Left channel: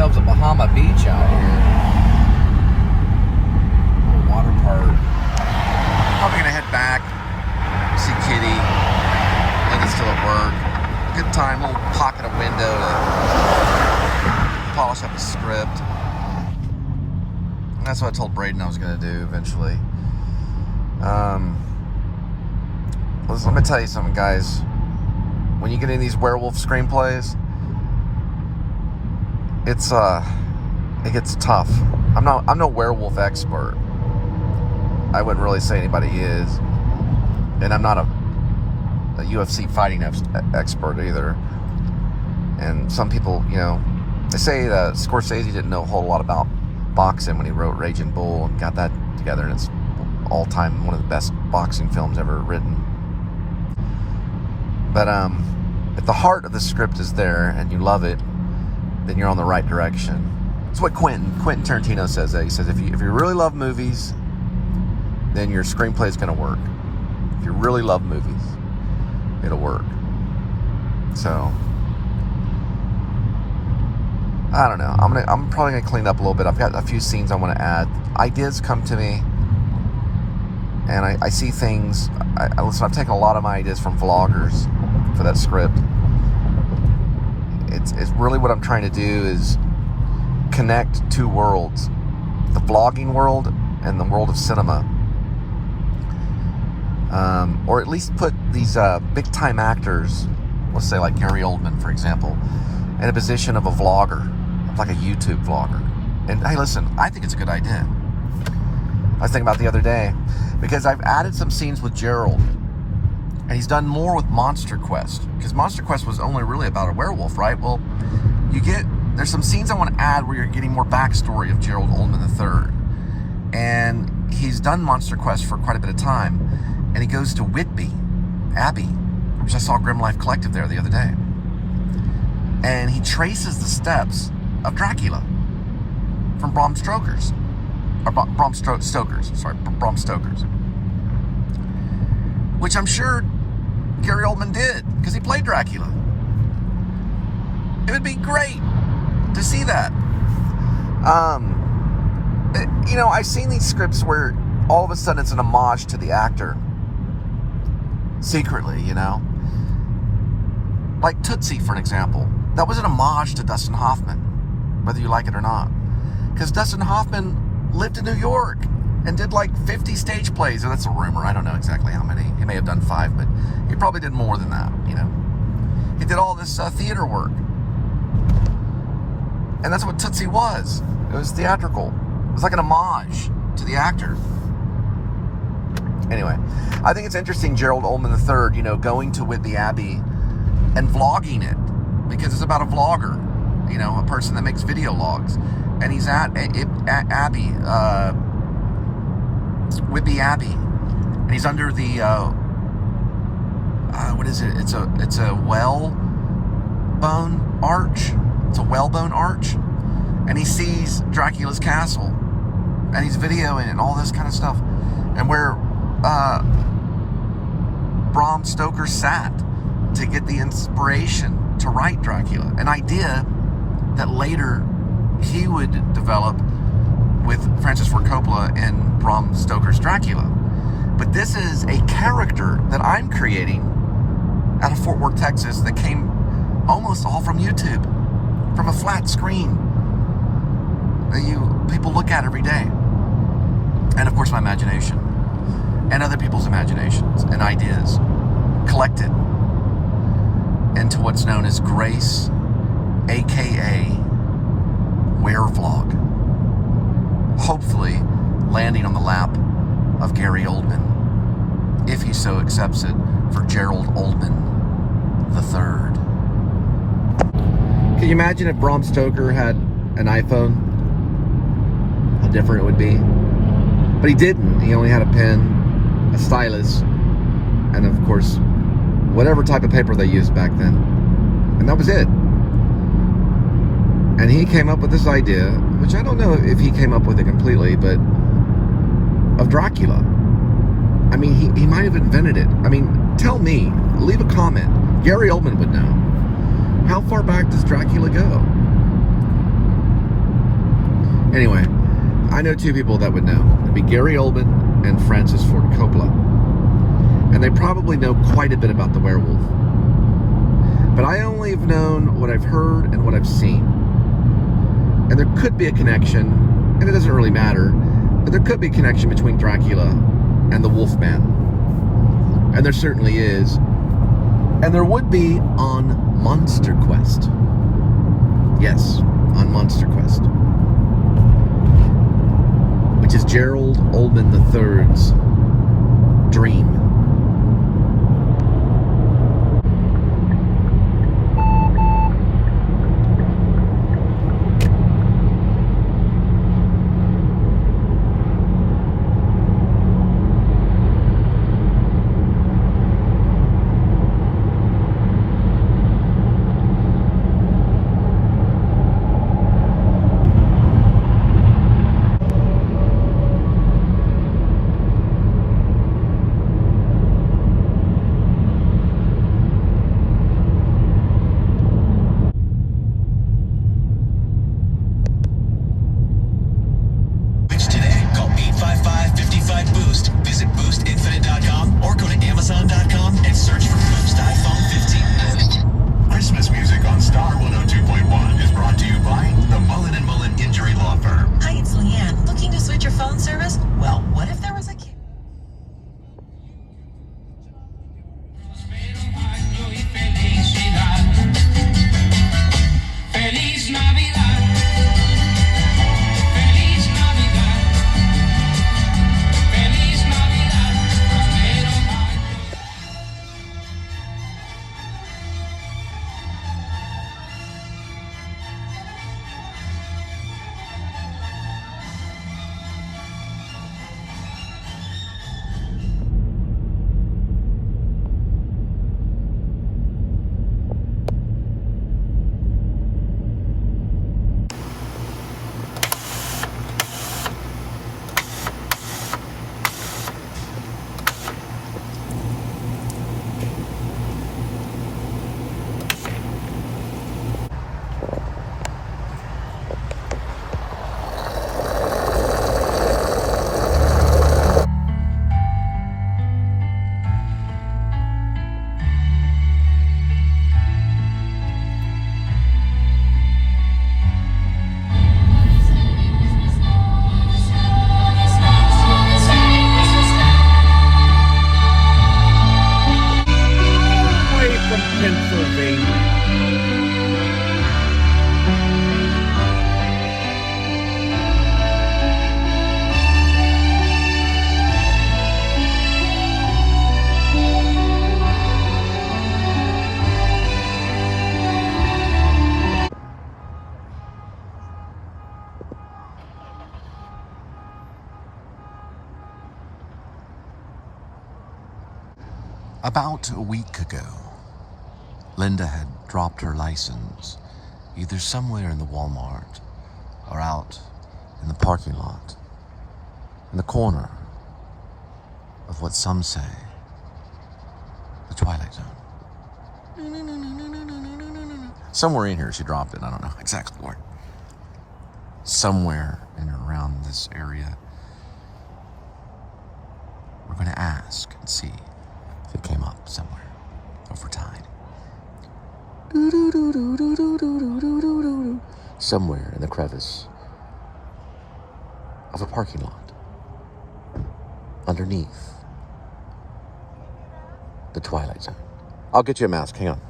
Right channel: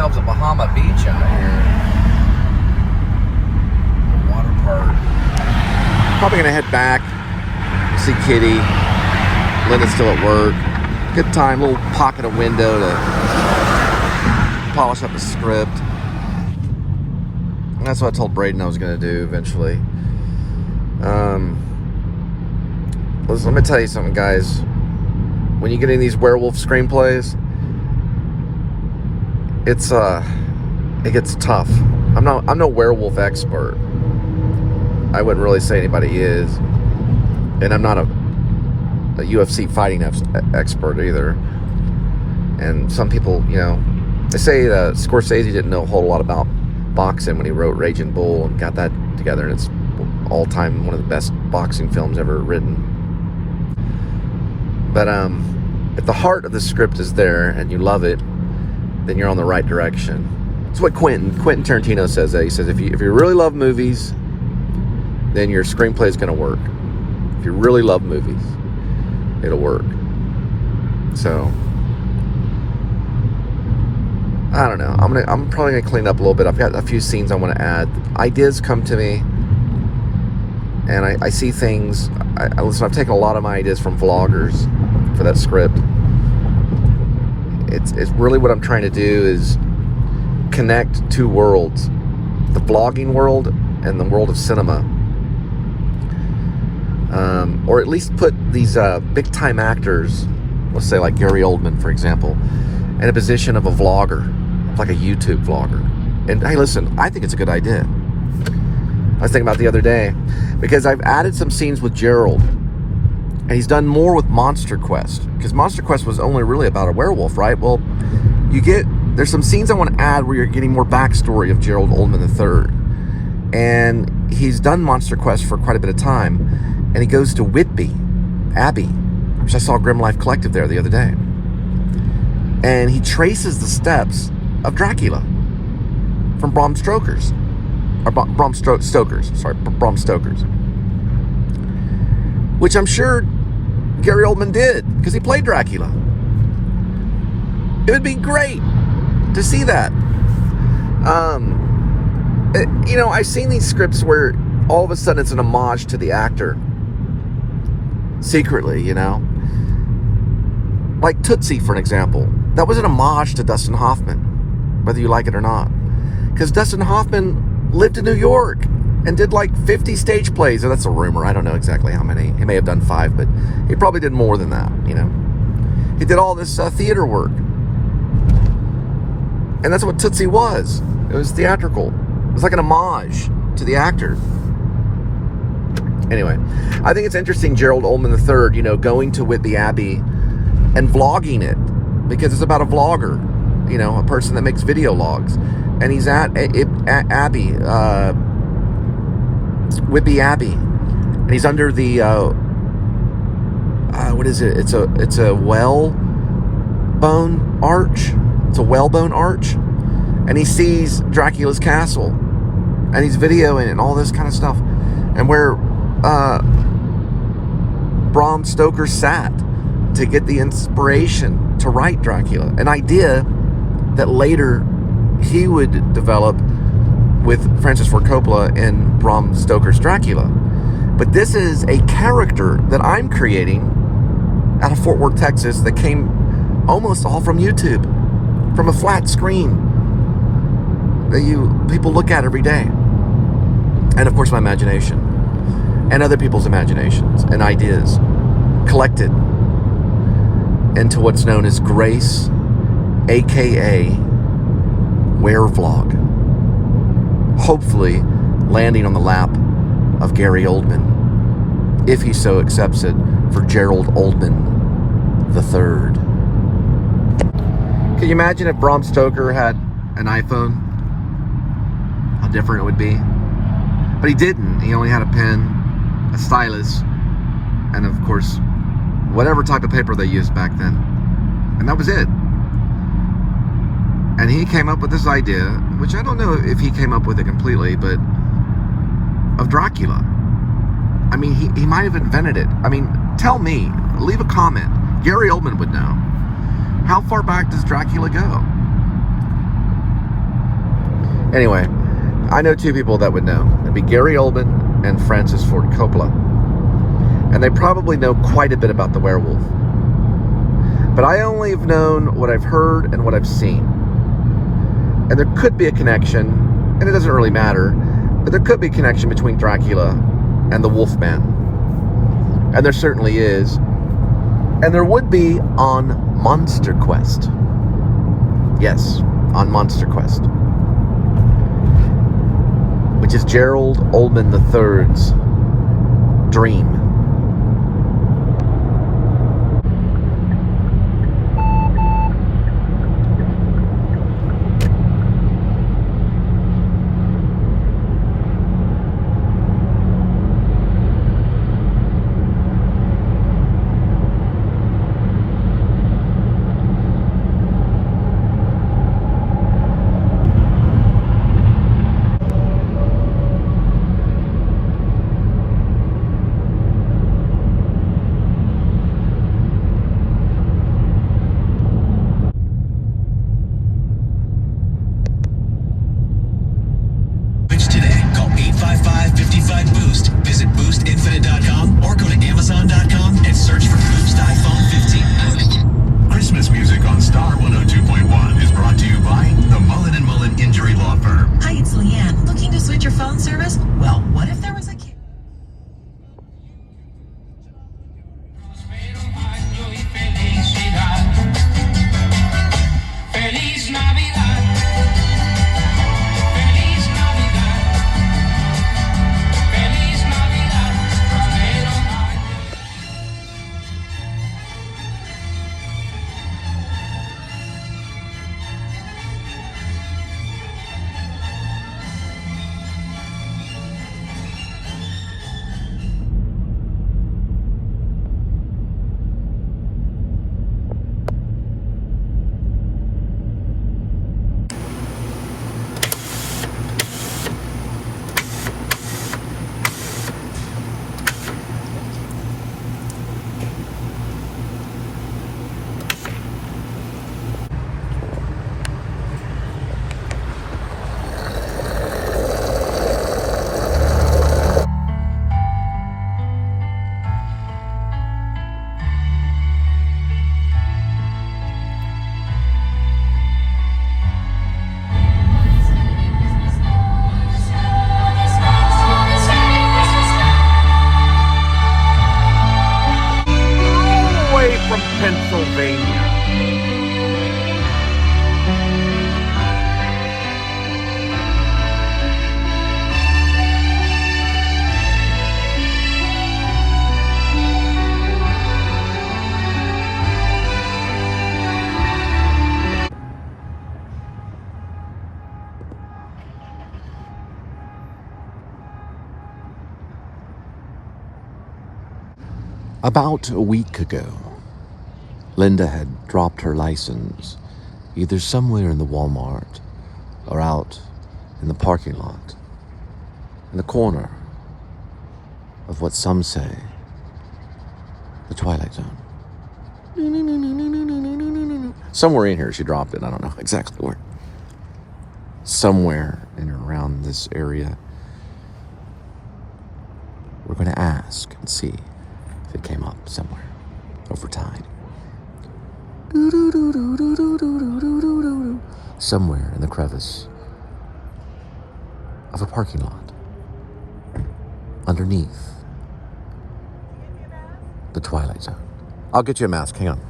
ourselves a Bahama Beach out here. Water park. Probably gonna head back, see Kitty. Linda's still at work. Good time, little pocket of window to polish up a script. And that's what I told Braden I was gonna do eventually. Listen, let me tell you something, guys. When you get in these werewolf screenplays, it gets tough. I'm no werewolf expert. I wouldn't really say anybody is, and I'm not a UFC fighting expert either. And some people, you know, they say Scorsese didn't know a whole lot about boxing when he wrote Raging Bull and got that together, and it's all time one of the best boxing films ever written. But if the heart of the script is there and you love it, then you're on the right direction. That's what Quentin Tarantino says. He says if you really love movies, then your screenplay is going to work. If you really love movies, it'll work. So I don't know. I'm probably gonna clean up a little bit. I've got a few scenes I want to add. Ideas come to me, and I see things. Listen, I've taken a lot of my ideas from vloggers for that script. It's really what I'm trying to do is connect two worlds, the vlogging world and the world of cinema. Or at least put these big time actors, let's say like Gary Oldman, for example, in a position of a vlogger, like a YouTube vlogger. And hey, listen, I think it's a good idea. I was thinking about it the other day because I've added some scenes with Gerald, and he's done more with Monster Quest, because Monster Quest was only really about a werewolf, right? Well, there's some scenes I want to add where you're getting more backstory of Gerald Oldman III. And he's done Monster Quest for quite a bit of time, and he goes to Whitby Abbey, which I saw Grim Life Collective there the other day. And he traces the steps of Dracula from Bram Stoker's. Which I'm sure Gary Oldman did, because he played Dracula. It would be great to see that. You know, I've seen these scripts where all of a sudden it's an homage to the actor. Secretly, you know. Like Tootsie, for an example. That was an homage to Dustin Hoffman, whether you like it or not. Because Dustin Hoffman lived in New York and did like 50 stage plays. And that's a rumor. I don't know exactly how many. He may have done 5, but he probably did more than that, you know. He did all this theater work. And that's what Tootsie was. It was theatrical. It was like an homage to the actor. Anyway, I think it's interesting, Gerald Oldman III, you know, going to Whitby Abbey and vlogging it, because it's about a vlogger, you know, a person that makes video logs. And he's at Abbey, Whitby Abbey, and he's under the, what is it? It's a whalebone arch. It's a whalebone arch. And he sees Dracula's castle, and he's videoing it and all this kind of stuff. And where Bram Stoker sat to get the inspiration to write Dracula, an idea that later he would develop with Francis Ford Coppola in Bram Stoker's Dracula. But this is a character that I'm creating out of Fort Worth, Texas, that came almost all from YouTube, from a flat screen that people look at every day. And of course my imagination, and other people's imaginations and ideas collected into what's known as Grace, aka Werevlog, hopefully landing on the lap of Gary Oldman, if he so accepts it, for Gerald Oldman the III. Can you imagine if Bram Stoker had an iPhone? How different it would be. But he didn't. He only had a pen, a stylus, and of course, whatever type of paper they used back then. And that was it. And he came up with this idea, which I don't know if he came up with it completely, but of Dracula. I mean, he might have invented it. I mean, tell me, leave a comment. Gary Oldman would know. How far back does Dracula go? Anyway, I know two people that would know. It'd be Gary Oldman and Francis Ford Coppola. And they probably know quite a bit about the werewolf. But I only have known what I've heard and what I've seen. And there could be a connection, and it doesn't really matter, but there could be a connection between Dracula and the Wolfman. And there certainly is. And there would be on Monster Quest. Yes, on Monster Quest. Which is Gerald Oldmane the III's dream. About a week ago, Linda had dropped her license either somewhere in the Walmart or out in the parking lot, in the corner of what some say the Twilight Zone. Somewhere in here she dropped it. I don't know exactly where. Somewhere in or around this area. We're going to ask and see if it came up somewhere over time. Somewhere in the crevice of a parking lot underneath the Twilight Zone. I'll get you a mask, hang on.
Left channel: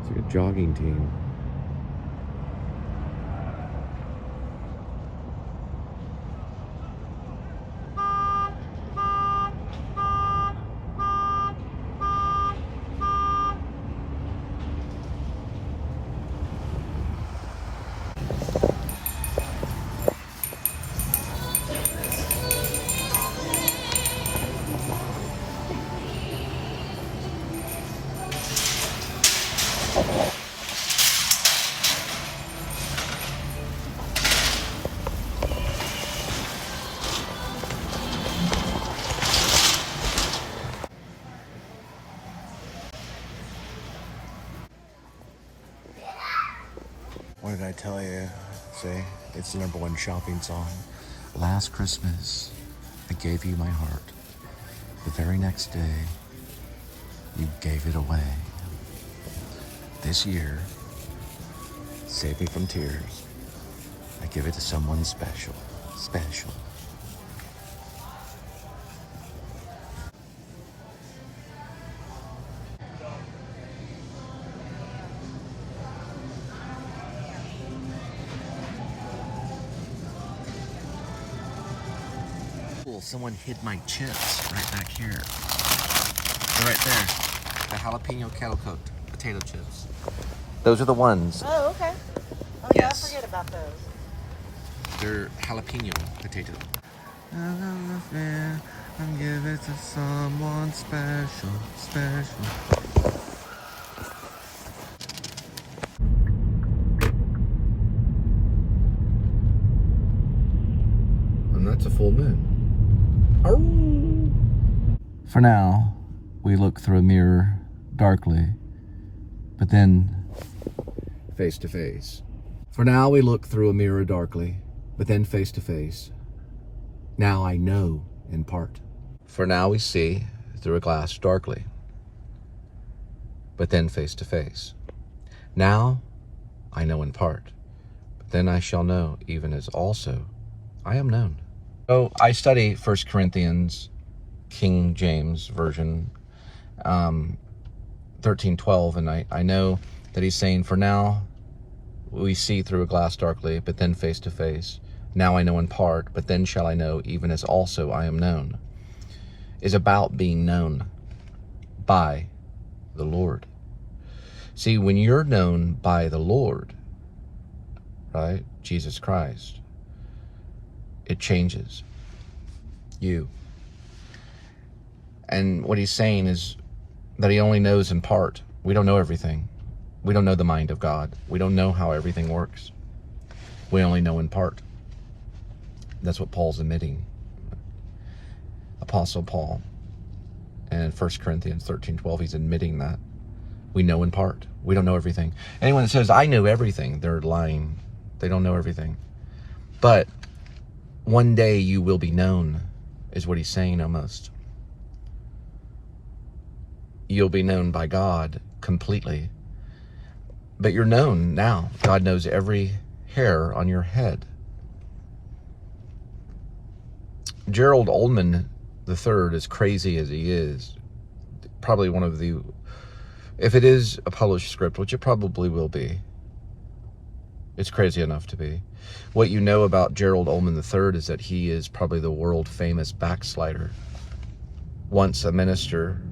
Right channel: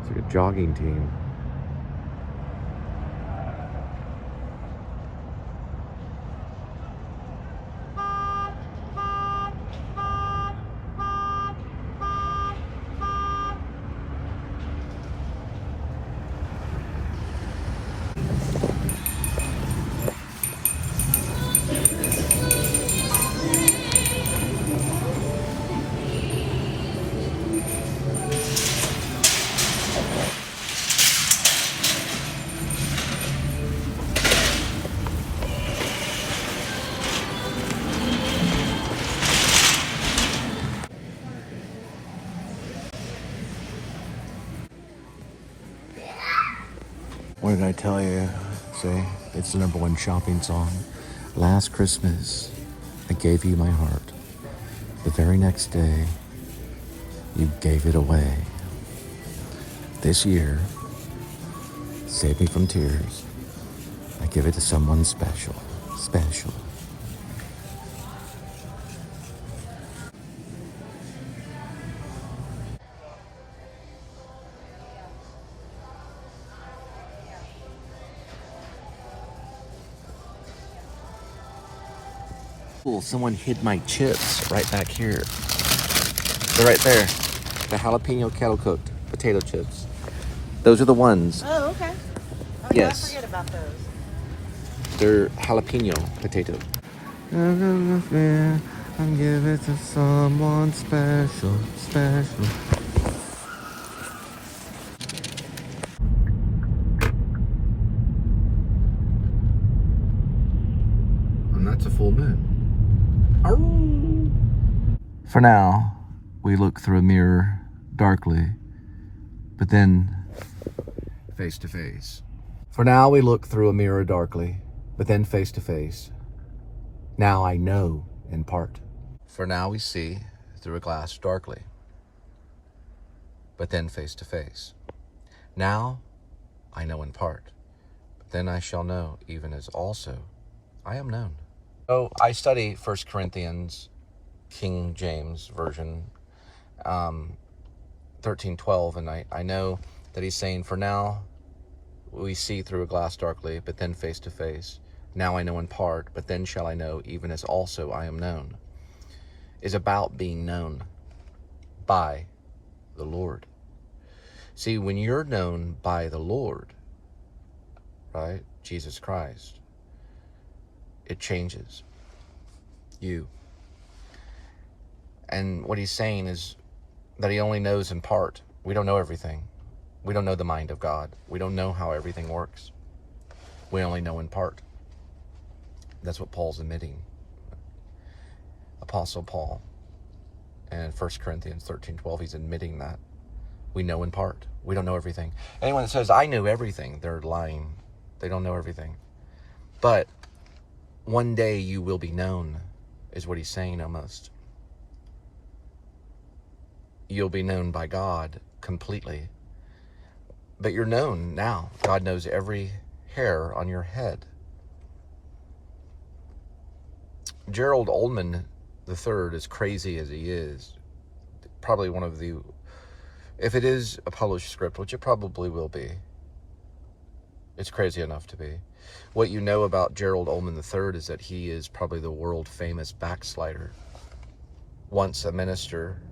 It's like a jogging team. What did I tell you? Say, it's the #1 shopping song. Last Christmas, I gave you my heart. The very next day, you gave it away. This year, save me from tears. I give it to someone special, special. Cool, someone hid my chips right back here. They're right there. The jalapeno kettle cooked potato chips. Those are the ones. Oh, okay. Oh, yeah, Yes. I forget about those. They're jalapeno potato. I'm giving it to someone special, special. And that's a full moon. For now, we look through a mirror darkly, but then face to face. For now, we look through a mirror darkly, but then face to face. Now I know in part. For now, we see through a glass darkly, but then face to face. Now I know in part, but then I shall know even as also I am known. So I study 1 Corinthians, King James Version, 13:12, and I know that he's saying, for now we see through a glass darkly, but then face to face. Now I know in part, but then shall I know even as also I am known, is about being known by the Lord. See, when you're known by the Lord, right, Jesus Christ, it changes you. And what he's saying is that he only knows in part. We don't know everything. We don't know the mind of God. We don't know how everything works. We only know in part. That's what Paul's admitting. Apostle Paul. And in 1 Corinthians 13:12, he's admitting that. We know in part. We don't know everything. Anyone that says, I know everything, they're lying. They don't know everything. But one day you will be known, is what he's saying almost. You'll be known by God completely. But you're known now. God knows every hair on your head. Gerald Oldmane the III, as crazy as he is, probably one of the, if it is a published script, which it probably will be, it's crazy enough to be. What you know about Gerald Oldmane the III is that he is probably the world famous backslider. Once a minister,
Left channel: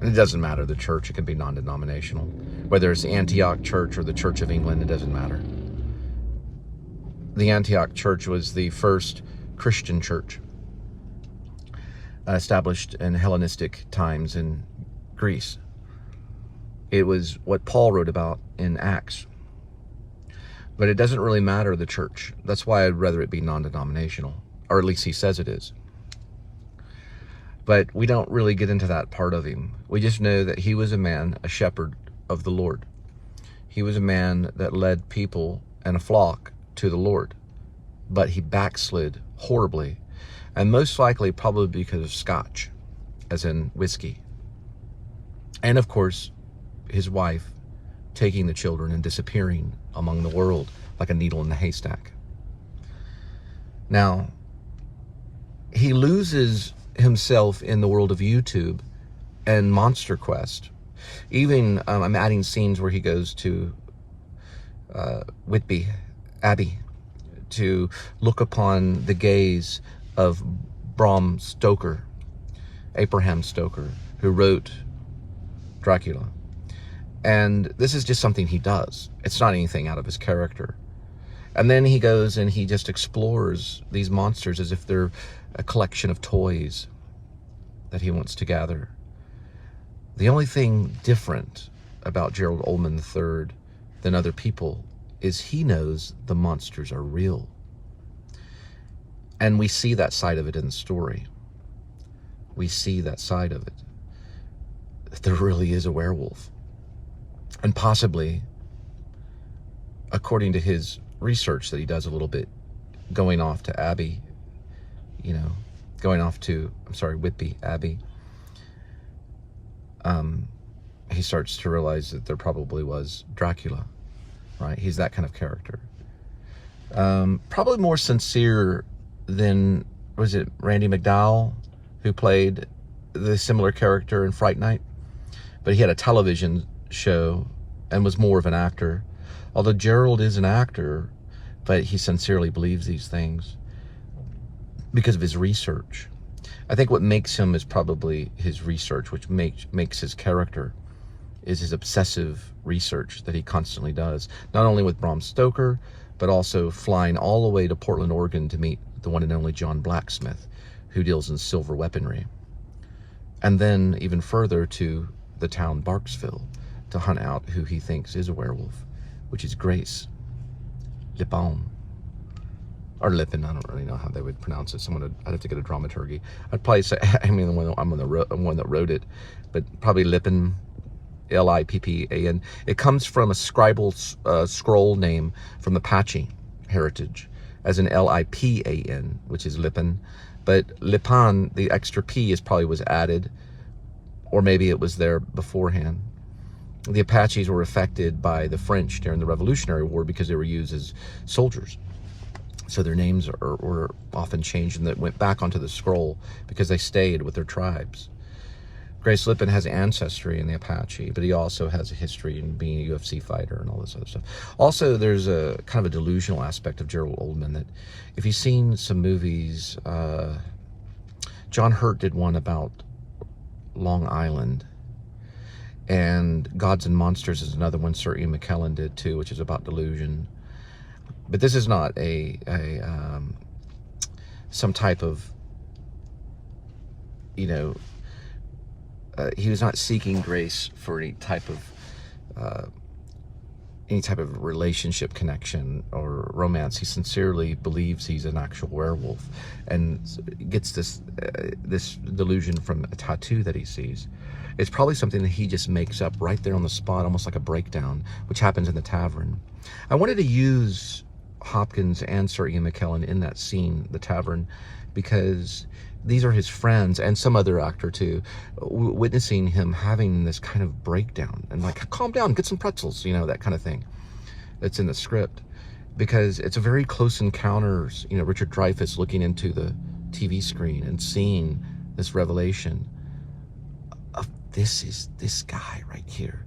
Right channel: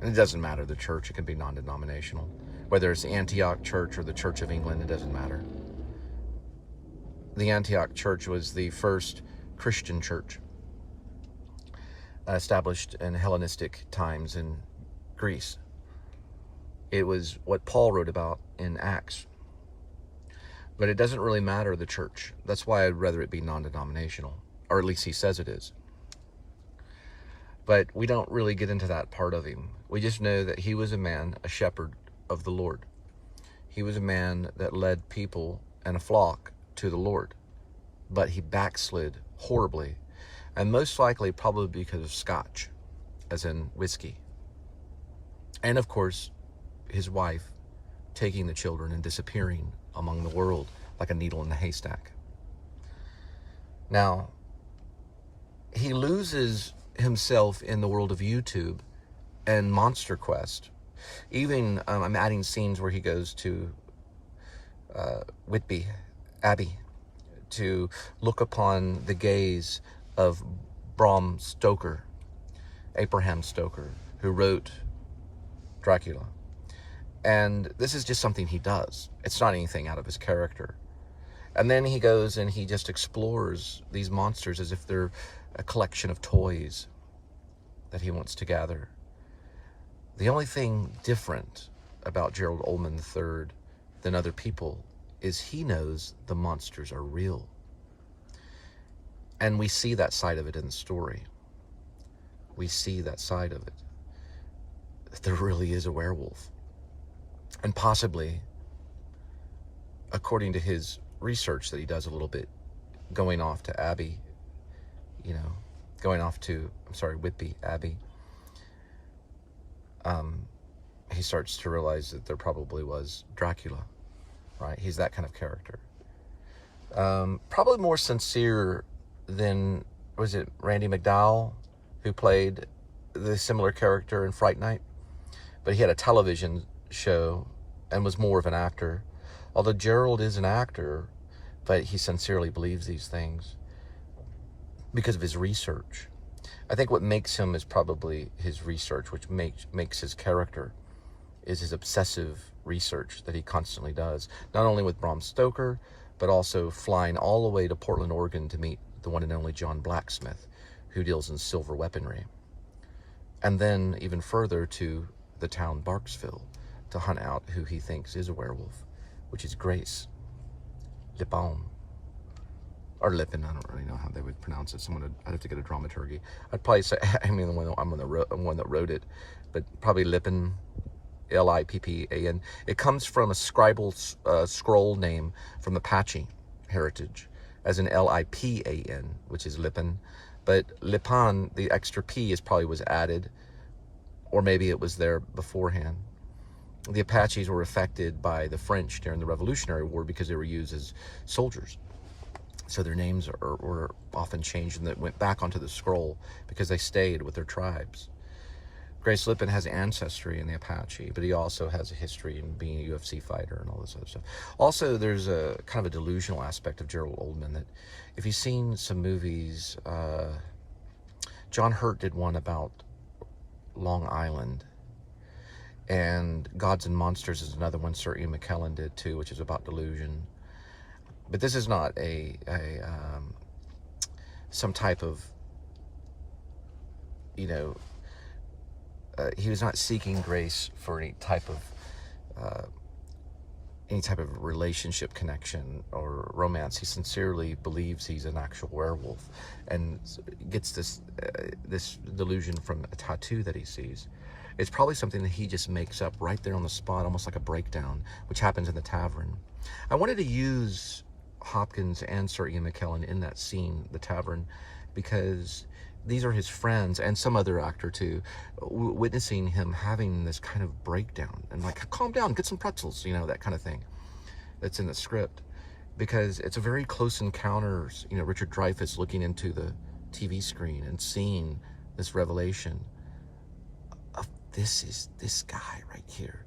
and it doesn't matter the church, it can be non-denominational. Whether it's the Antioch Church or the Church of England, it doesn't matter. The Antioch Church was the first Christian church established in Hellenistic times in Greece. It was what Paul wrote about in Acts. But it doesn't really matter the church. That's why I'd rather it be non-denominational, or at least he says it is. But we don't really get into that part of him. We just know that he was a man, a shepherd of the Lord. He was a man that led people and a flock to the Lord. But he backslid horribly, and most likely probably because of scotch, as in whiskey. And of course, his wife taking the children and disappearing among the world like a needle in the haystack. Now, he loses himself in the world of YouTube and Monster Quest. Even I'm adding scenes where he goes to Whitby Abbey to look upon the gaze of Bram Stoker, Abraham Stoker, who wrote Dracula. And this is just something he does. It's not anything out of his character. And then he goes and he just explores these monsters as if they're a collection of toys that he wants to gather. The only thing different about Gerald Oldmane III than other people is he knows the monsters are real. And we see that side of it in the story. We see that side of it. That there really is a werewolf. And possibly according to his research that he does a little bit, going off to Abbey, going off to, Whitby, Abbey, he starts to realize that there probably was Dracula, right? He's that kind of character. Probably more sincere than, was it Randy McDowell, who played the similar character in Fright Night? But he had a television show and was more of an actor. Although Gerald is an actor, but he sincerely believes these things because of his research. I think what makes him is probably his research, which makes his character, is his obsessive research that he constantly does, not only with Bram Stoker, but also flying all the way to Portland, Oregon to meet the one and only John Blacksmith, who deals in silver weaponry. And then even further to the town Barksville to hunt out who he thinks is a werewolf, which is Grace Lipon. Or Lippin, I don't really know how they would pronounce it. I'd have to get a dramaturgy. I'd probably say, I'm the one that wrote it, but probably Lippin, Lippan. It comes from a scribal scroll name from Apache heritage, as in Lipan, which is Lippin. But Lipan, the extra P was added, or maybe it was there beforehand. The Apaches were affected by the French during the Revolutionary War because they were used as soldiers. So their names were often changed and that went back onto the scroll because they stayed with their tribes. Grace Lippin has ancestry in the Apache, but he also has a history in being a UFC fighter and all this other stuff. Also, there's a kind of a delusional aspect of Gerald Oldman that if you've seen some movies, John Hurt did one about Long Island, and Gods and Monsters is another one Sir Ian McKellen did too, which is about delusion. But this is not some type of, he was not seeking Grace for any type of relationship connection or romance. He sincerely believes he's an actual werewolf and gets this delusion from a tattoo that he sees. It's probably something that he just makes up right there on the spot, almost like a breakdown, which happens in the tavern. I wanted to use Hopkins and Sir Ian McKellen in that scene, the tavern, because these are his friends and some other actor too, witnessing him having this kind of breakdown and like, calm down, get some pretzels, that kind of thing that's in the script, because it's a very close encounters, Richard Dreyfuss looking into the TV screen and seeing this revelation of this guy right here.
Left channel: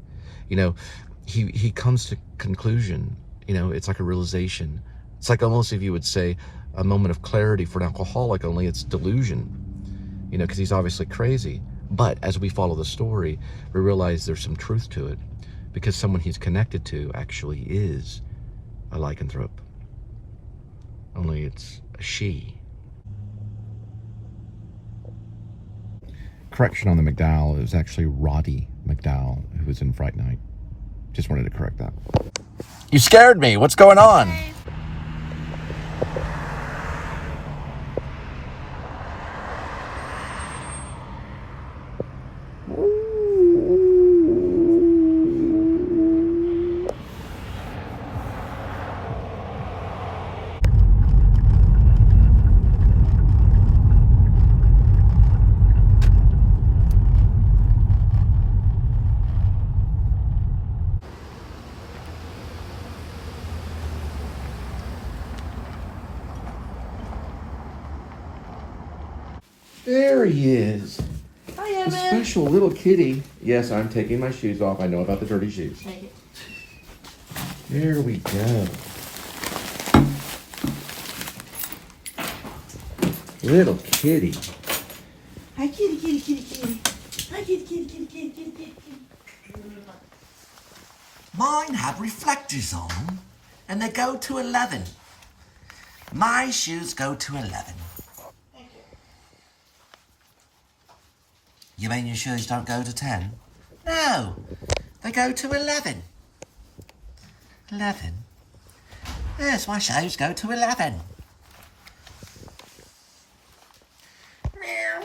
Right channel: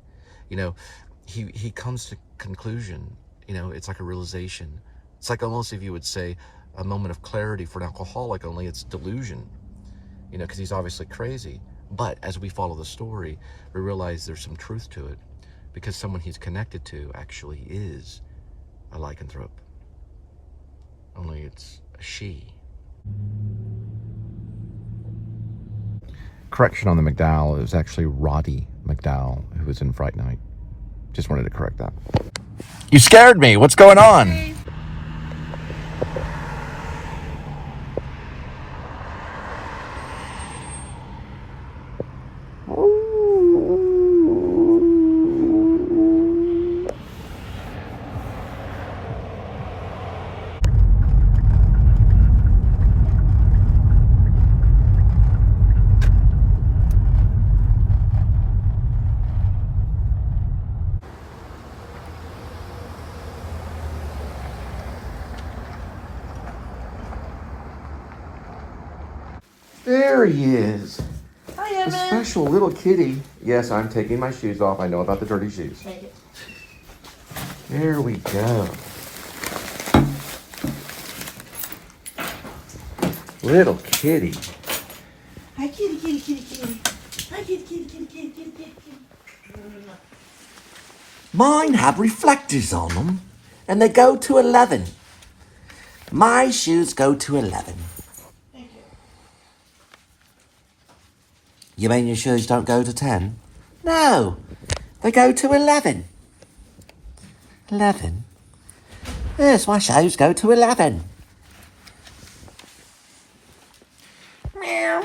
He comes to conclusion, it's like a realization. It's like almost, if you would say, a moment of clarity for an alcoholic, only it's delusion, because he's obviously crazy. But as we follow the story, we realize there's some truth to it, because someone he's connected to actually is a lycanthrope. Only it's a she. Correction on the McDowell, it was actually Roddy McDowell who was in Fright Night. Just wanted to correct that. You scared me. What's going on? Hey. There he is. Hi, The Edmund. special little kitty. Yes, I'm taking my shoes off. I know about the dirty shoes. Take it. There we go. Little kitty. Hi, kitty, kitty, kitty, kitty. Hi, kitty, kitty, kitty, kitty, kitty, kitty, kitty. Mine have reflectors on them, and they go to 11. My shoes go to 11. You mean your shoes don't go to 10? No, they go to 11. 11? Yes, my shoes go to 11. Meow.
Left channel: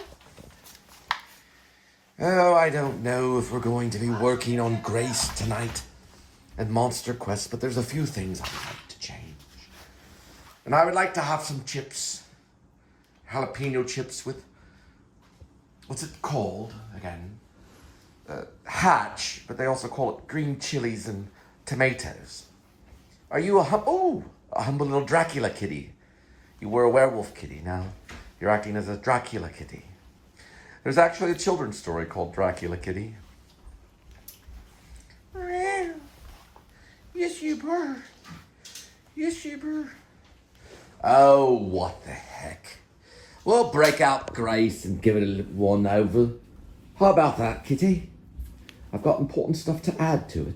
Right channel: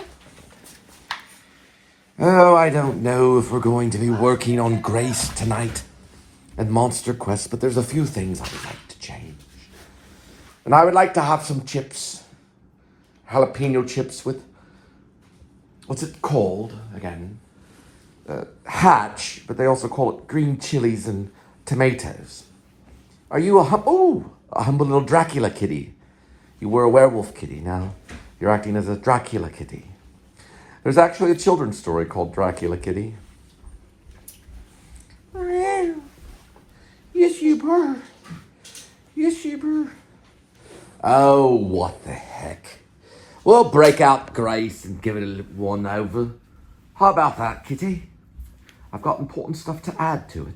Oh, I don't know if we're going to be working on Grace tonight. and Monster Quest, but there's a few things I would like to change. And I would like to have some chips, jalapeno chips with, what's it called again? Hatch, but they also call it green chilies and tomatoes. Are you a humble little Dracula kitty? You were a werewolf kitty, now you're acting as a Dracula kitty. There's actually a children's story called Dracula Kitty. Yes, you were. Yes, you were. Oh, what the heck. We'll break out Grace and give it a little one over. How about that, kitty? I've got important stuff to add to it.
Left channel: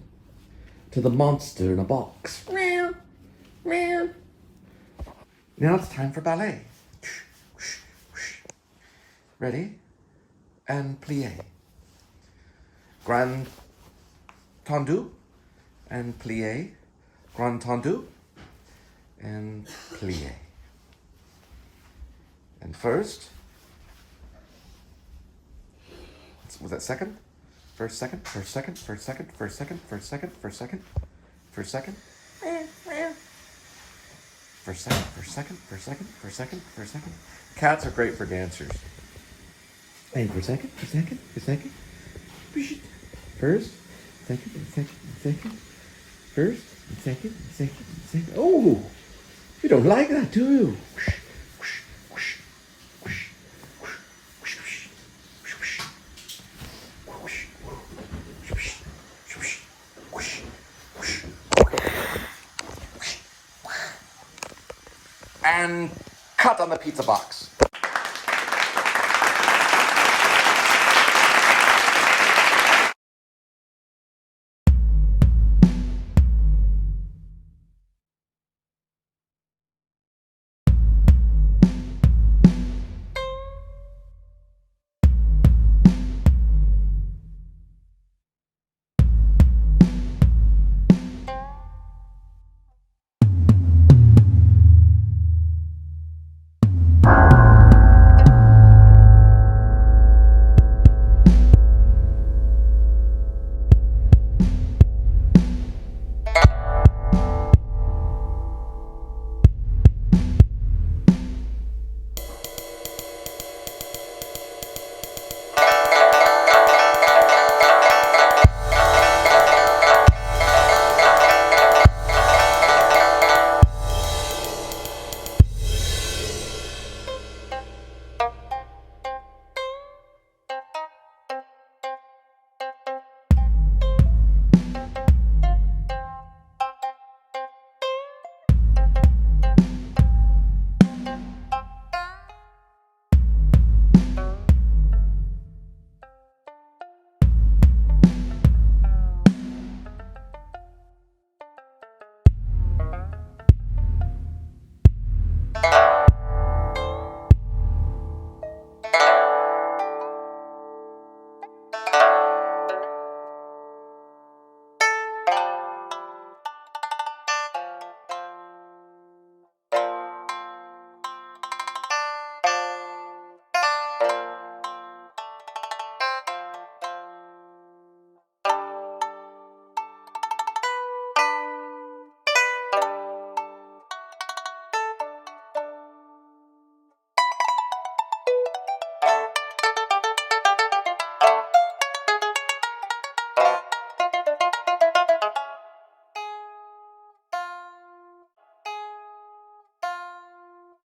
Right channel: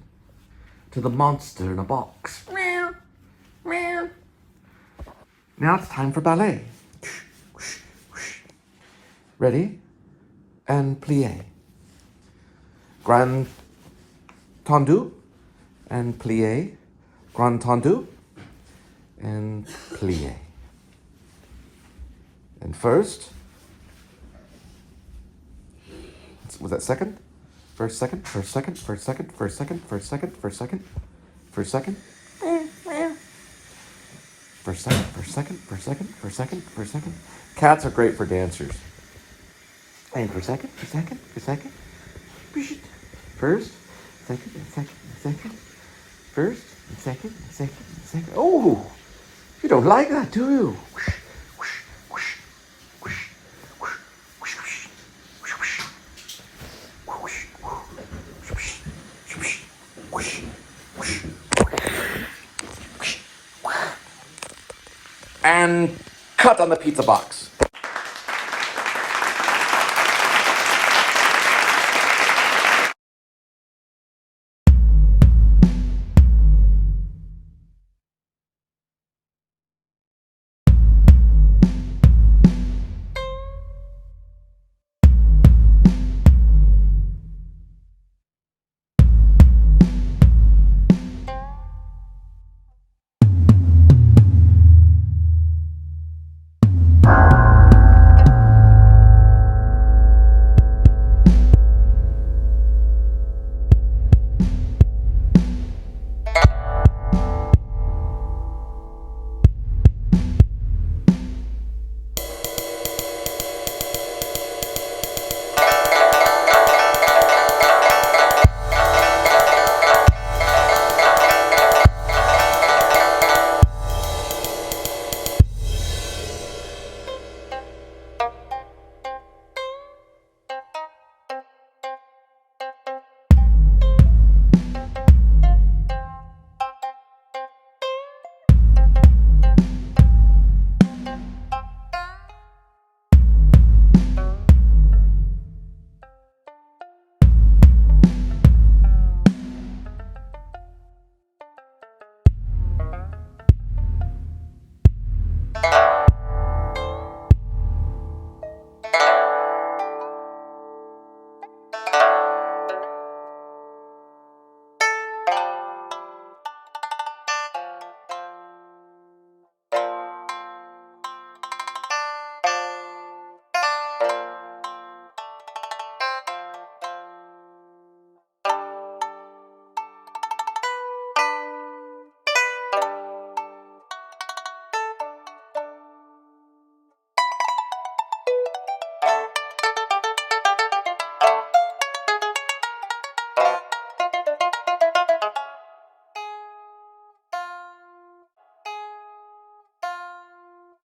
To the monster in a box. Meow. Meow. Now it's time for ballet. Ready? And plie. Grand tendu. And plie. Grand tendu. And plie. And first. Was that second? First, second, first, second, first, second, first, second, first, second, first, second, first, second. First, second, first, second, first, second, first, second, first, second. Cats are great for dancers. And for second, for second, for second. First, second, and second, and second. First, and second, and second, and second. Oh, you don't like that, do you? And cut on the pizza box.